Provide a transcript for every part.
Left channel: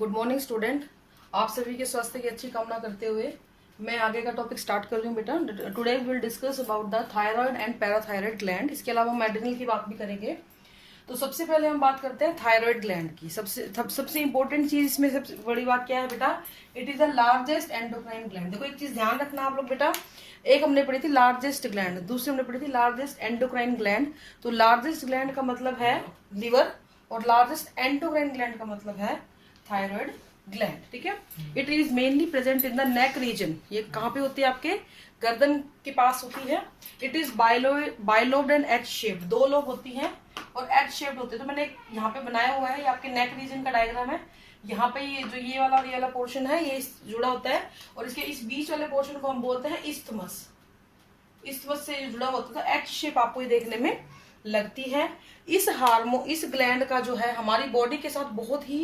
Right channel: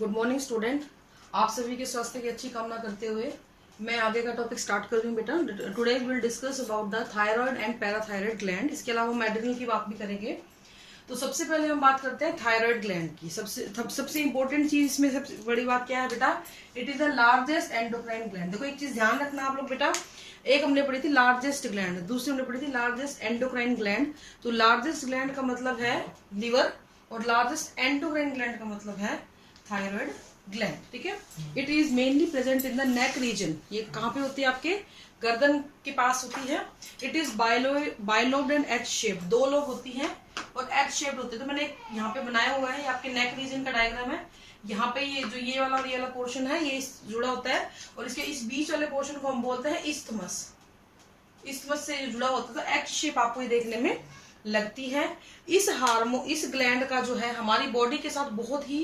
Good morning student. आप सभी के स्वास्थ्य की अच्छी कामना करते हुए मैं आगे का टॉपिक स्टार्ट कर रही हूँ बेटा। Today we will discuss about the thyroid and parathyroid gland. इसके अलावा हम एड्रिनल की बात भी करेंगे। तो सबसे पहले हम बात करते हैं थायराइड ग्लैंड की। सबसे इंपॉर्टेंट चीज इसमें सबसे बड़ी बात क्या है बेटा? It is the largest endocrine gland. देखो एक चीज ध्यान रखना आप लोग बेटा, एक हमने पढ़ी थी लार्जेस्ट ग्लैंड, दूसरी हमने पढ़ी थी लार्जेस्ट एंडोक्राइन ग्लैंड। तो लार्जेस्ट ग्लैंड का मतलब है लिवर और लार्जेस्ट एंडोक्राइन ग्लैंड का मतलब है थायराइड ग्लैंड। ठीक है। It is mainly present in the neck region. ये कहाँ पे होती है? आपके गर्दन के पास होती है। It is bilobed and H shaped. दो लोब होती हैं और एच शेप्ड होते हैं। तो मैंने यहाँ पे बनाया हुआ है, ये आपके नेक रीजन का डायग्राम है। यहाँ पे ये जो ये वाला और ये वाला पोर्शन है ये जुड़ा होता है और इसके इस बीच वाले पोर्शन को हम बोलते हैं इस्थमस। इस्थमस से जुड़ा होता है। एच शेप आपको ये देखने में लगती है। इस ग्लैंड का जो है हमारी बॉडी के साथ बहुत ही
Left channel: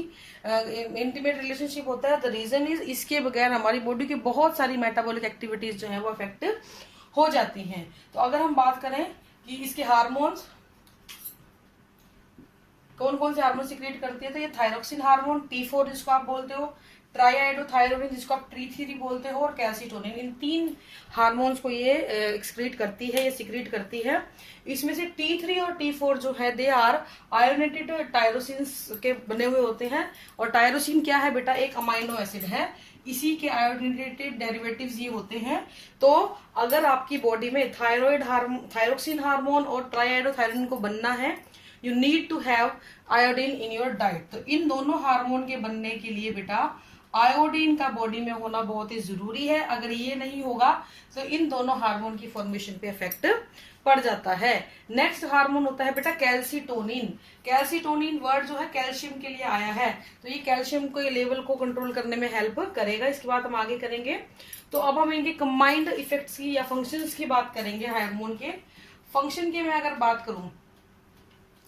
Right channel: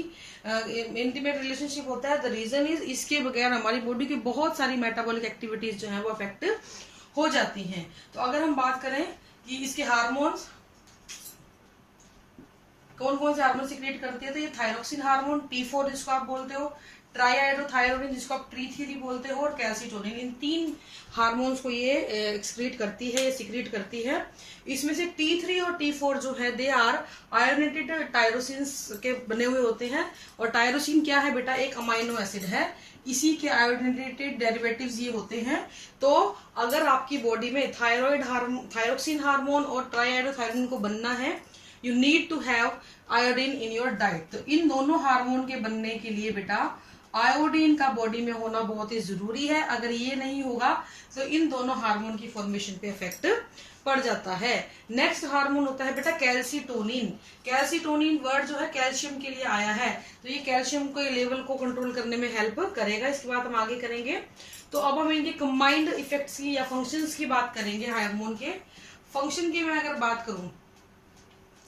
इंटीमेट रिलेशनशिप होता है। द रीजन इज इसके बगैर हमारी बॉडी की बहुत सारी मेटाबॉलिक एक्टिविटीज जो है वो अफेक्ट हो जाती हैं। तो अगर हम बात करें कि इसके हार्मोन्स कौन कौन से हार्मोन सिक्रेट करती है, तो ये थायरोक्सिन हार्मोन, T4 जिसको आप बोलते हो, ट्राईआइडोथायरोडिन जिसको आप T3 बोलते हो, और कैल्सीटोनिन। इन तीन हार्मोन्स को ये एक्सक्रीट करती है, ये सिक्रेट करती है। इसमें से T3 और T4 जो है दे आर आयोनेटेड टायरोसिन्स के बने हुए होते हैं। और टायरोसिन क्या है बेटा? एक अमाइनो एसिड है, इसी के आयोनेटेड डेरिवेटिव्स ये होते हैं। तो अगर आपकी बॉडी में थायरोक्सिन हार्मोन और ट्राईआइडोथायरोडिन को बनना है, you need to have iodine in your diet. तो इन दोनों हार्मोन के बनने के लिए बेटा आयोडीन का बॉडी में होना बहुत ही जरूरी है। अगर ये नहीं होगा तो इन दोनों हार्मोन की फॉर्मेशन पे इफेक्ट पड़ जाता है। नेक्स्ट हार्मोन होता है बेटा कैल्सीटोनिन। कैल्सीटोनिन वर्ड जो है कैल्शियम के लिए आया है, तो ये कैल्शियम के लेवल को कंट्रोल करने में हेल्प करेगा। इसके बाद हम आगे करेंगे। तो अब हम इनके कंबाइंड इफेक्ट्स की या फंक्शंस की बात करेंगे। हार्मोन के फंक्शन की मैं अगर बात करूं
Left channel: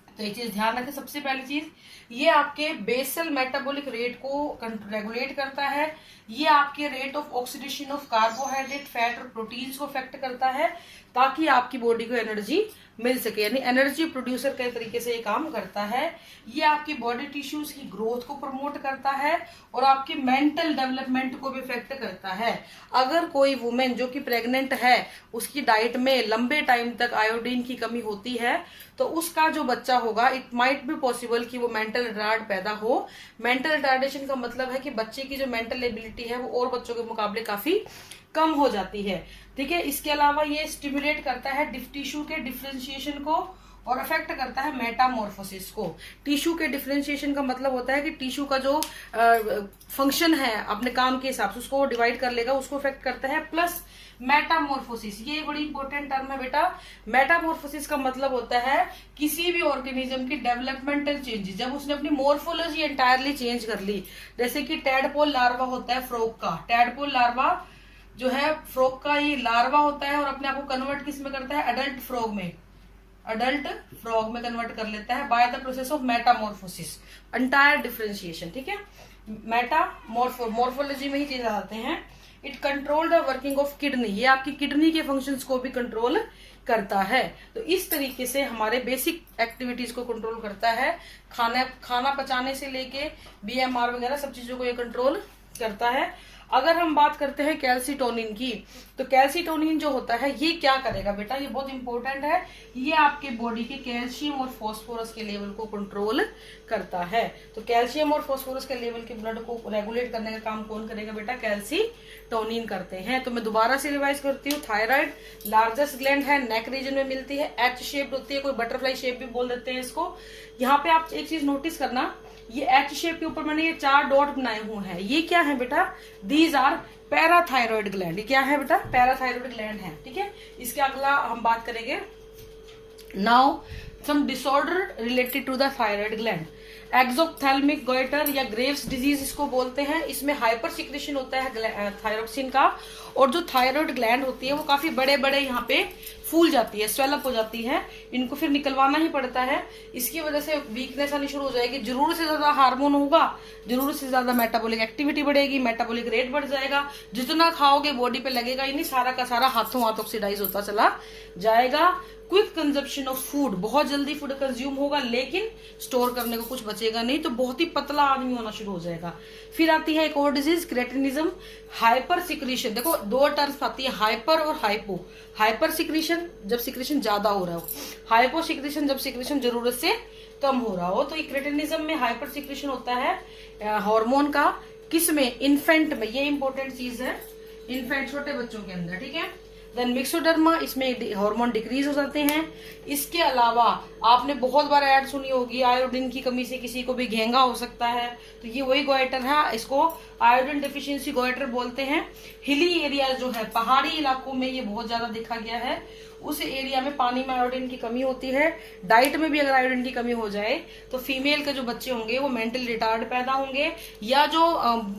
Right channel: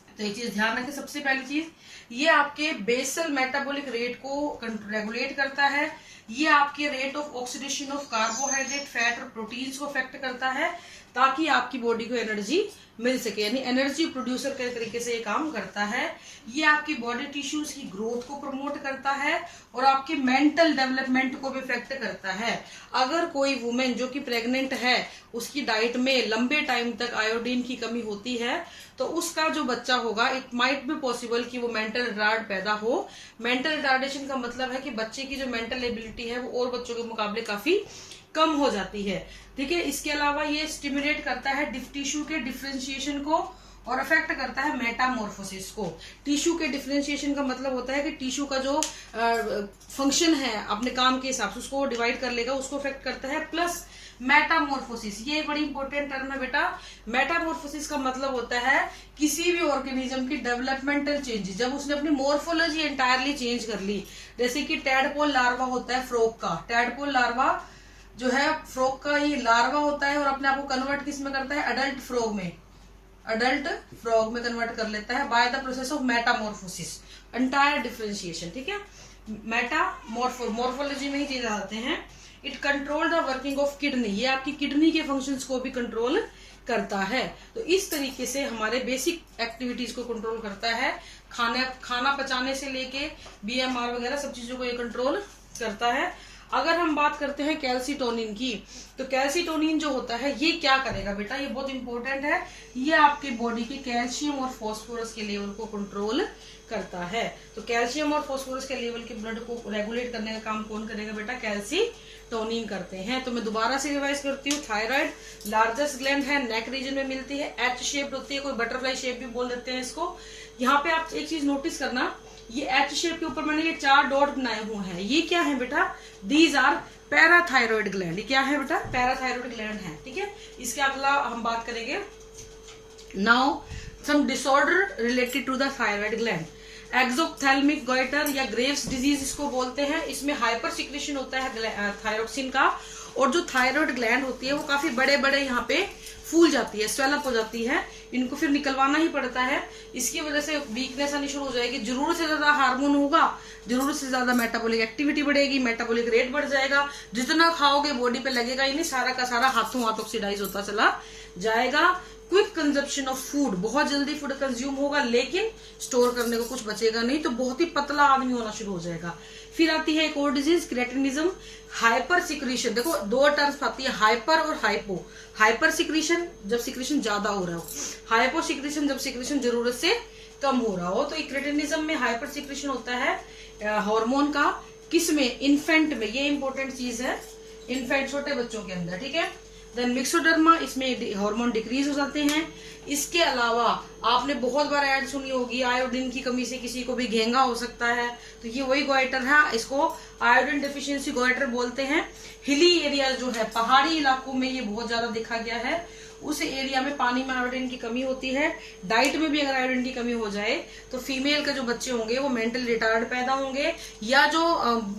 तो एक चीज ध्यान रखें। सबसे पहली चीज, ये आपके बेसल मेटाबॉलिक रेट को रेगुलेट करता है। ये आपके rate of oxidation of carbohydrate, fat और प्रोटीन्स को अफेक्ट करता है ताकि आपकी बॉडी को एनर्जी मिल सके, यानी एनर्जी प्रोड्यूसर के तरीके से ये काम करता है। ये आपकी बॉडी टिश्यूज की ग्रोथ को प्रमोट करता है और आपके मेंटल डेवलपमेंट को भी इफेक्ट करता है। अगर कोई वुमेन जो कि प्रेग्नेंट है उसकी डाइट में लंबे टाइम तक आयोडीन की कमी होती है तो उसका जो बच्चा होगा, इट माइट बी पॉसिबल कि वो मेंटल रिटार्ड पैदा हो। मेंटल रिटार्डेशन का मतलब है कि बच्चे की जो मेंटल एबिलिटी है वो और बच्चों के मुकाबले काफी कम हो जाती है। ठीक है। इसके अलावा ये स्टिमुलेट करता है टिश्यू के डिफरेंशिएशन को और अफेक्ट करता है मेटामॉर्फोसिस को। टिश्यू के डिफरेंशिएशन का मतलब होता है कि टिश्यू का जो फंक्शन है अपने काम के हिसाब से उसको डिवाइड कर लेगा, उसको अफेक्ट करता है। प्लस मेटामॉर्फोसिस, ये बड़ी इंपॉर्टेंट टर्म है बेटा। मेटामॉर्फोसिस का मतलब होता है किसी भी ऑर्गेनिज्म की डेवलपमेंटल चेंजेस, जब उसने अपनी मॉर्फोलॉजी एंटायरली चेंज कर ली। जैसे कि टैडपोल लार्वा होता है फ्रॉग का, टैडपोल लार्वा जो है फ्रॉग का ये लार्वा होता है और अपने आप को कन्वर्ट किस में करता है? अडल्ट फ्रॉग में, अडल्ट फ्रॉग में कन्वर्ट कर लेता है by the process of Metamorphosis, entire differentiation. ठीक है। मॉर्फोलॉजी में ही चीज आते हैं। It control the working of kidney, ये आपकी किडनी के फंक्शंस को भी कंट्रोल करता है। तो इस तरीके से हमारे बेसिक एक्टिविटीज को कंट्रोल करता है। खाना पचाने से लेके BMR वगैरह सब चीजों को ये कंट्रोल करता है। अगर हम बात करते हैं कैल्सीटोनिन की, तो कैल्सीटोनिन जो होता है ये क्या करेगा बेटा? ये बहुत इंपॉर्टेंट है। ये आपके बॉडी के कैल्शियम और फास्फोरस के लेवल को कंट्रोल करता है। तो कैल्शियम और फास्फोरस के लेवल के ब्लड को रेगुलेट करने का काम कौन करेगा बेटा? कैल्सीटोनिन करते हैं। तो मैं दोबारा से रिवाइज करती हूँ। थायराइड लार्जेस्ट ग्लैंड है, नेक रीजन में मिलती है, एच शेप्ड होती है, कोई बटरफ्लाई शेप भी बोल देते हैं इसको। यहाँ पे आप एक चीज नोटिस करना, ये एच शेप के ऊपर मैंने ये 4 डॉट बनाए हुए हैं, ये क्या है बेटा? These are parathyroid gland. ये क्या है बेटा? पैराथायरॉइड ग्लैंड है। ठीक है। इसके अगला हम बात करेंगे now some disorder related to the thyroid gland. Exophthalmic goitre या ग्रेव्स डिजीज इसको बोलते हैं। इसमें हाइपर सिक्रेशन होता है थायरोक्सिन का, और जो थायरॉइड ग्लैंड होती है वो काफी बड़े बड़े यहाँ पे फूल जाती है, स्वेलअप हो जाती है, इनको फिर निकलवाना ही पड़ता है। इसकी वजह से वीकनेस आनी शुरू हो जाएगी। जरूरत से ज्यादा हार्मोन होगा, जरूरत से ज्यादा मेटाबॉलिक एक्टिविटी बढ़ेगी, मेटाबॉलिक रेट बढ़ जाएगा। जितना खाओगे बॉडी पे लगेगा ही नहीं, सारा का सारा हाथों हाथ ऑक्सीडाइज होता चला जाएगा। क्विक कंजप्शन ऑफ फूड, बहुत जल्दी फूड कंज्यूम होगा लेकिन स्टोर करने को कुछ बचेगा नहीं, तो बहुत ही पतला आदमी होना शुरू हो जाएगा। फिर आती है एक और डिजीज क्रेटिनिज्म, हाइपर सिक्रीशन। देखो दो टर्म्स आती है, हाइपर और हाइपो। हाइपर सिक्रीशन जब सिक्रीशन ज्यादा हो रहा हो, हाइपो सिक्रीशन जब सिक्रीशन जरूरत से कम हो रहा हो। तो क्रेटिनिज्म में हाइपर सिक्रीशन होता है हार्मोन का, किसमें, इन्फेंट में, ये इंपॉर्टेंट चीज है, इन्फेंट छोटे बच्चों के अंदर, ठीक है। देन मिक्सोडर्मा, इसमें हार्मोन डिक्रीज हो जाते हैं। इसके अलावा आपने बहुत बार ऐड सुनी होगी, आयोडीन की कमी से किसी को भी घेंगा हो सकता है, तो ये वही गोइटर है, इसको आयोडीन डेफिशिएंसी गोइटर बोलते हैं। हिली एरिया जो है, पहाड़ी इलाकों में ये बहुत ज्यादा देखा गया है, उस एरिया में पानी में आयोडीन की कमी होती है। डाइट में भी अगर आयोडीन की कमी हो जाए तो फीमेल के जो बच्चे होंगे वो मेंटल रिटार्ड पैदा होंगे, या जो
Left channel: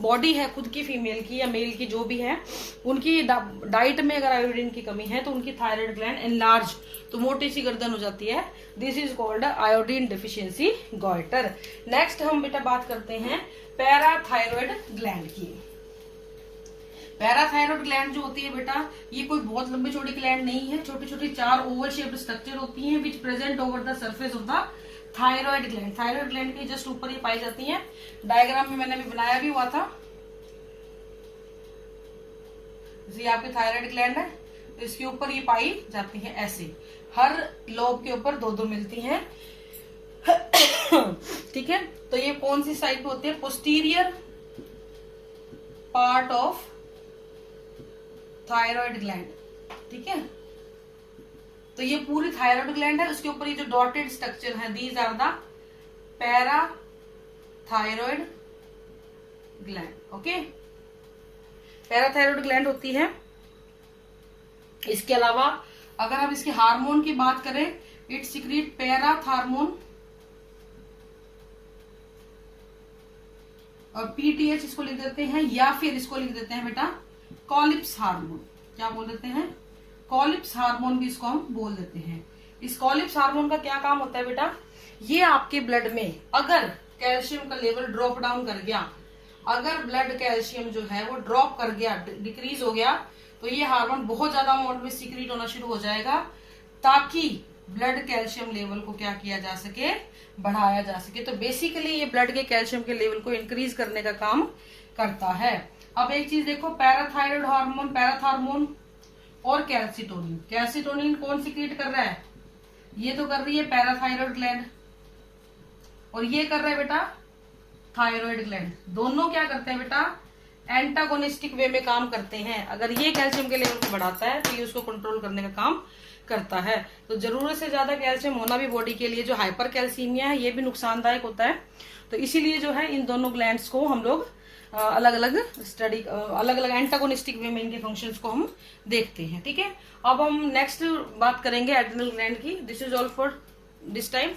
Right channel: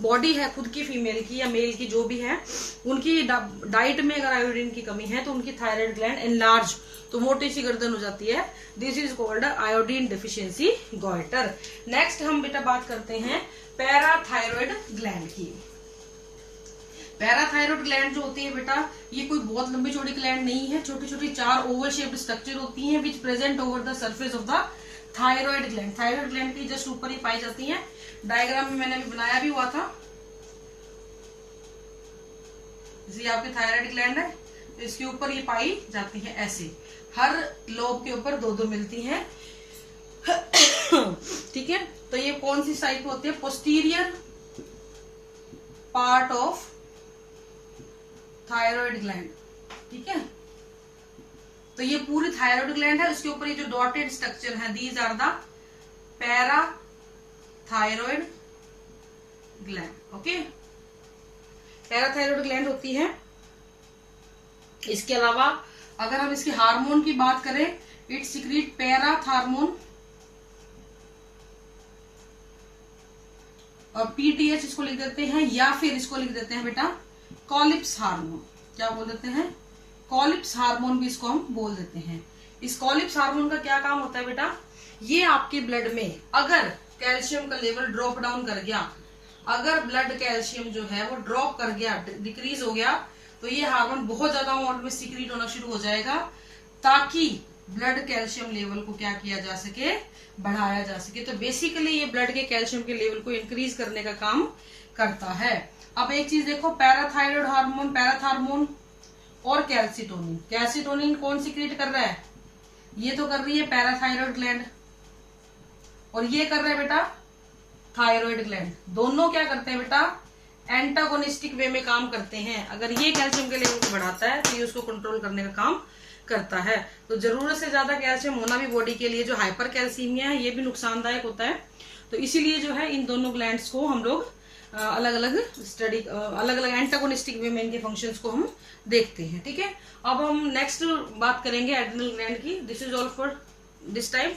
बॉडी है खुद की फीमेल की या मेल की जो भी है, उनकी डाइट में अगर आयोडीन की कमी है तो उनकी थायराइड ग्लैंड एनलार्ज, तो मोटी सी गर्दन हो जाती है। This is called iodine deficiency goitre. Next हम बेटा बात करते हैं पैराथायरॉयड ग्लैंड की। पैराथायरॉयड ग्लैंड जो होती है बेटा, ये कोई बहुत लंबी चौड़ी ग्लैंड नहीं है, छोटी छोटी 4 ओवल शेप्ड स्ट्रक्चर होती हैं विच present over the surface of the thyroid gland. Thyroid gland के जस्ट ऊपर ही पाई जाती हैं। डायग्राम में मैंने अभी बनाया भी हुआ था, ये आपकी थायरॉयड ग्लैंड है, तो इसके ऊपर ये पाई जाती है ऐसे, हर लोब के ऊपर 2-2 मिलती हैं, ठीक है। तो ये कौन सी साइड पे होती है, posterior part of thyroid gland, ठीक है। तो ये पूरी थायरॉयड ग्लैंड है, उसके ऊपर ये जो डॉटेड स्ट्रक्चर है, these are the parathyroid gland, okay. Parathyroid gland होती है। इसके अलावा अगर हम इसके हार्मोन की बात करें, इट सिक्रीट पैराथार्मोन और पीटीएच इसको लिख देते हैं, या फिर इसको लिख देते हैं बेटा कॉलिप्स हार्मोन। क्या बोल देते हैं, कॉलिप्स हार्मोन भी इसको हम बोल देते हैं। इस कॉलिप्स हार्मोन का क्या काम होता है बेटा, ये आपके ब्लड में अगर कैल्शियम का लेवल ड्रॉप डाउन कर गया, अगर ब्लड कैल्शियम जो है वो ड्रॉप कर गया, डिक्रीज हो गया, तो ये हार्मोन बहुत ज्यादा अमाउंट में सीक्रेट होना शुरू हो जाएगा, ताकि ब्लड कैल्शियम लेवल को क्या किया जा सके, बढ़ाया जा सके। तो बेसिकली ये ब्लड के कैल्शियम के लेवल को इंक्रीज करने का काम करता है। अब एक चीज देखो, पैराथायरॉयड हार्मोन, पैराथार्मोन और कैल्सिटोनिन। कैल्सिटोनिन कौन सीक्रेट कर रहा है, ये तो कर रही है पैराथायरॉयड ग्लैंड, और ये कर रहा है बेटा थायरॉयड ग्लैंड। दोनों क्या करते हैं बेटा, एंटागोनिस्टिक वे में काम करते हैं। अगर ये कैल्शियम के लेवल को बढ़ाता है तो ये उसको कंट्रोल करने का काम करता है। तो जरूरत से ज्यादा कैल्शियम होना भी बॉडी के लिए जो हाइपर कैल्सीमिया है ये भी नुकसानदायक होता है। तो इसीलिए जो है इन दोनों ग्लैंड्स को हम लोग अलग अलग एंटागोनिस्टिक वे में इनके फंक्शंस को हम देखते हैं, ठीक है। अब हम नेक्स्ट बात करेंगे एड्रिनल ग्लैंड की। This is all for this time.